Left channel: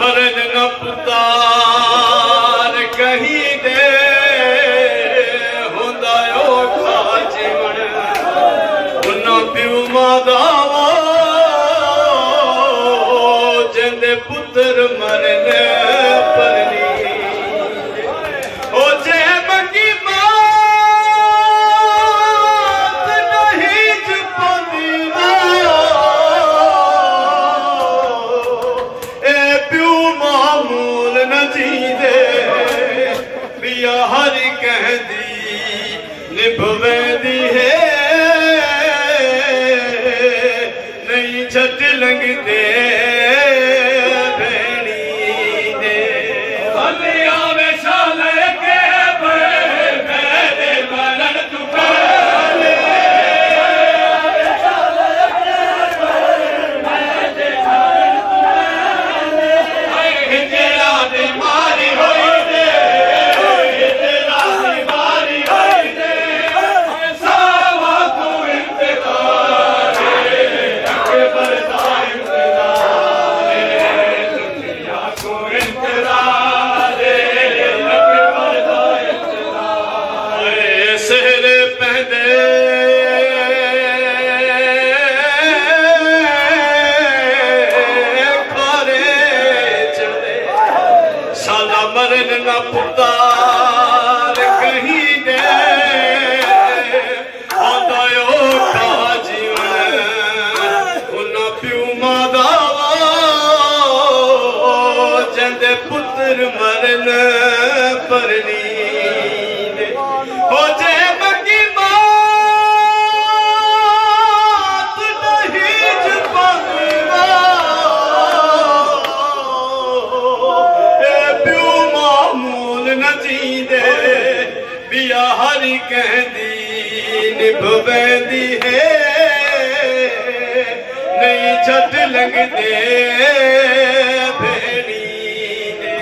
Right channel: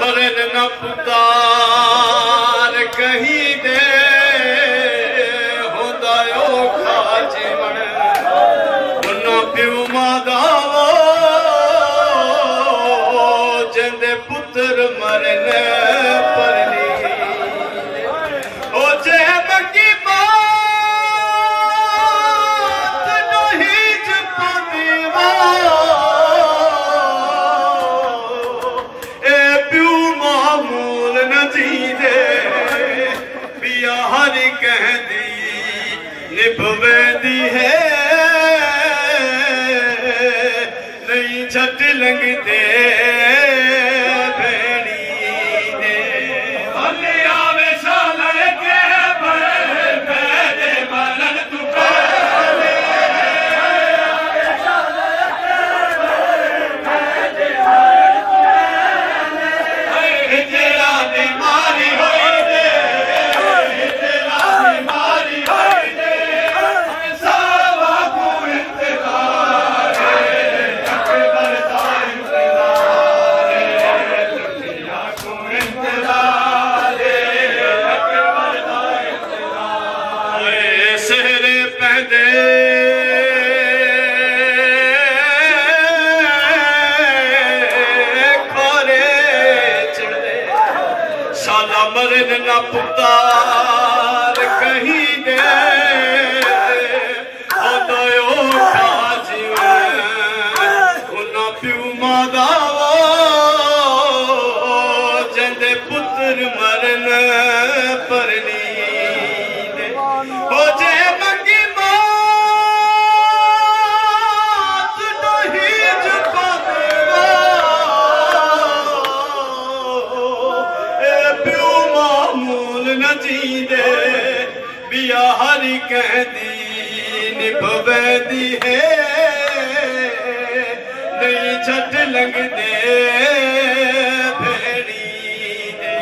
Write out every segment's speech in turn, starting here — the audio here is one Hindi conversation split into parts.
मरन न पुतार कहीं दे होंदा औखा जीवन उन्ना प्यू मादावो जिंदे पुत्र मरन पर ओ जे मंगी बात नहीं जुपांदी निभवेंदी है नहीं छट लगदे भेणी दे भले आवे साल के बैठे मरन तू पहले आवे साल के बैठे मरन तू पहले तेरा बीमारी होई दे तेरा बीमारी होई दे मरन न पुतार कहीं गए जीवन उन प्यू मादावो जंदे पुत्र मरन पर नींद हो जे मंगी बात नहीं जुबानी न जींदे बिया हरी कहदी निभवेंदी है नहीं छट लगदे भेणी दे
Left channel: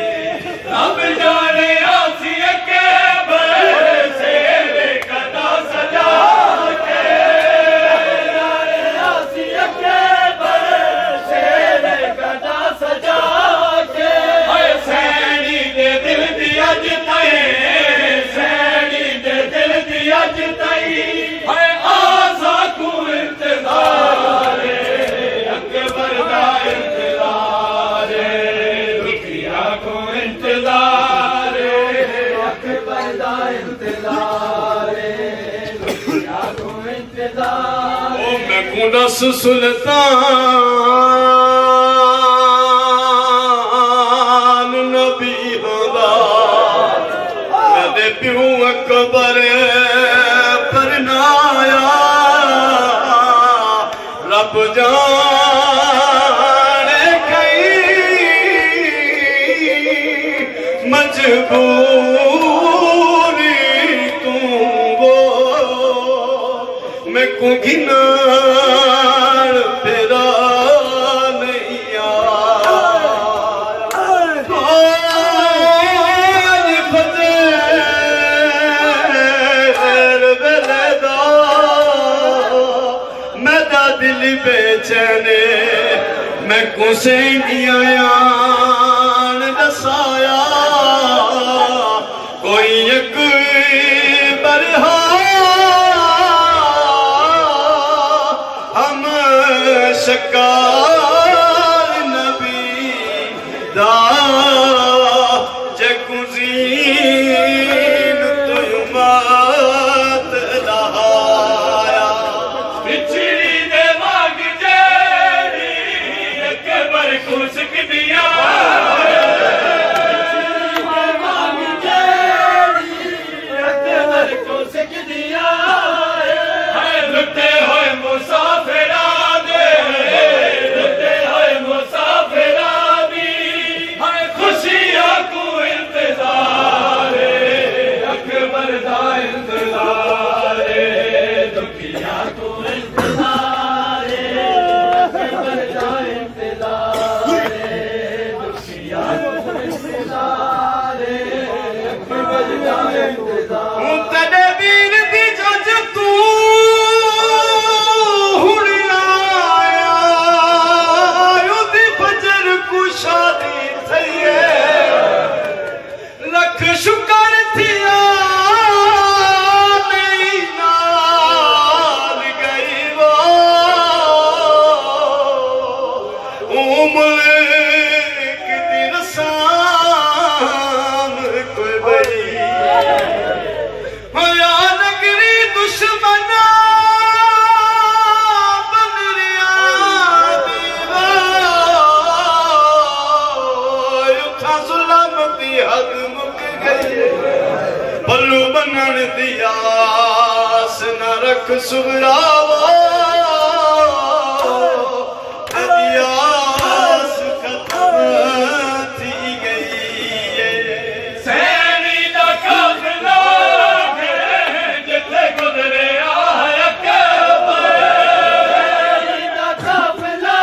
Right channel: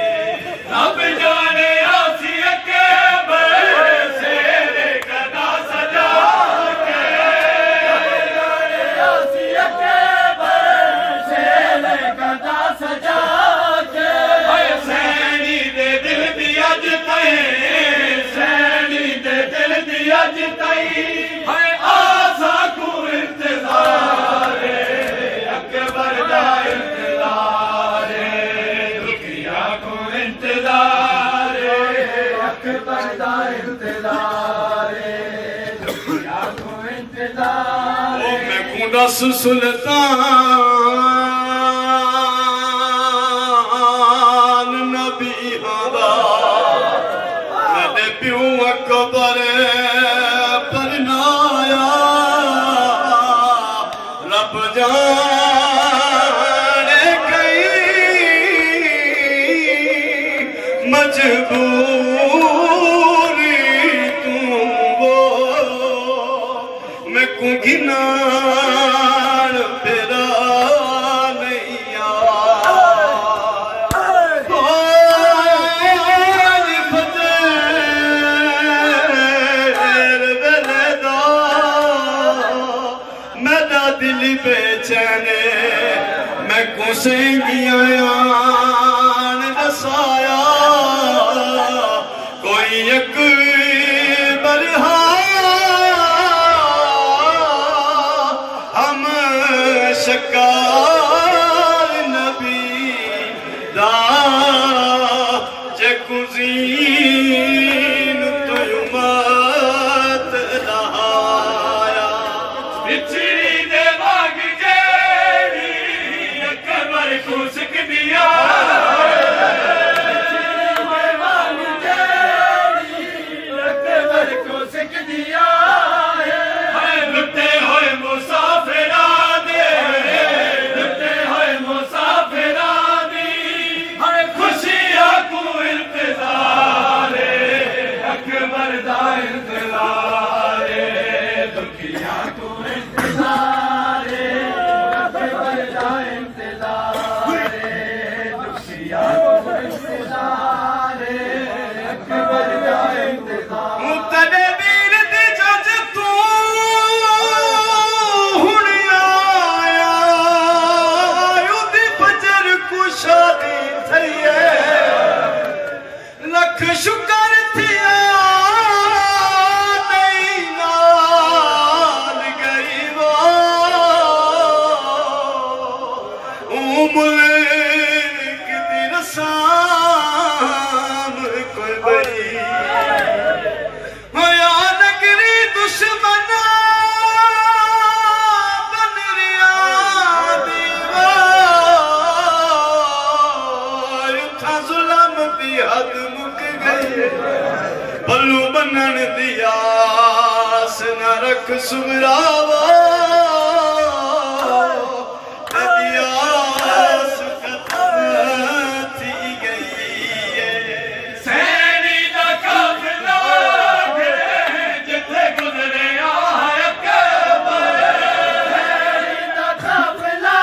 रब जाने आसी के बैसे कदा सजा के जाने आसी के बैसे कदा सजा के सैनी दे दिल दी अज तई सैनी दे दिल दी अज तई है आसा को इंतजार अकबर दा इंतजार दुखिया को इंतजार अकबर दा इंतजार दुखिया को इंतजार ओ मैं को दस सुल्तान नबी प्यू अकबर परनाया रब जाने कई मजबूरी तू वो को गिनान तेरा नहीं मेरा दिल बेचैने मैं कुसेंगियां दसाया कोई एक बरहा हम शकार नबी दा जे कुजीन तो मत दहाया पिछड़ी दे मांग जेड़ी अकबर को सिख दिया शुक्र थिया नहीं नाल गरीबा मुल्क दी रसाम कोई बड़ी होया नगरी दुश्मन बनरिया दीवा उठा जुल्म दी हद पल्लू बनन दियास न रख सुरावा दियास खत्म थी गई सैनी दा काफिला जिथे गुजरे अकबर सैनी दा काफिला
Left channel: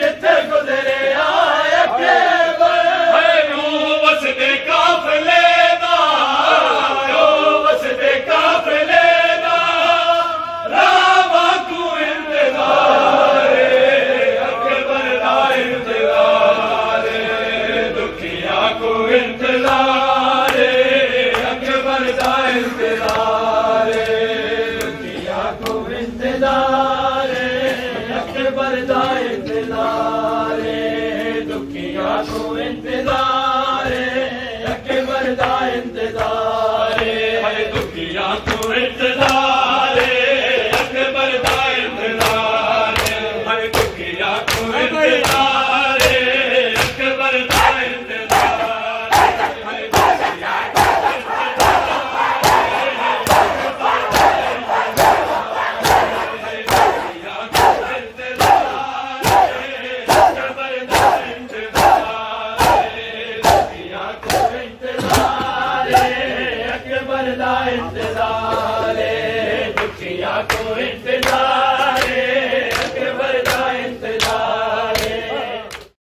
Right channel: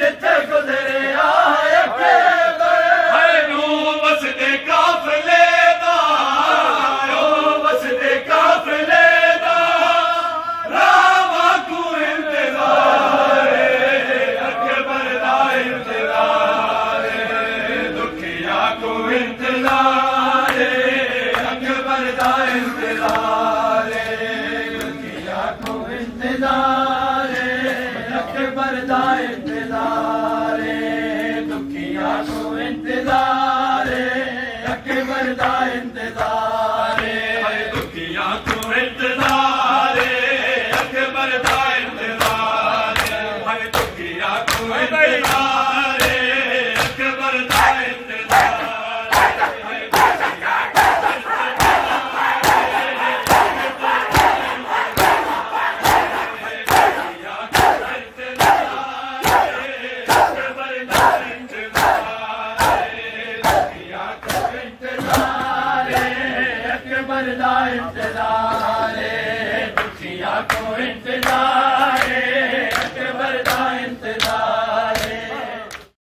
जिथे गुजरे अकबर है नू वसदे काफिले इंतजार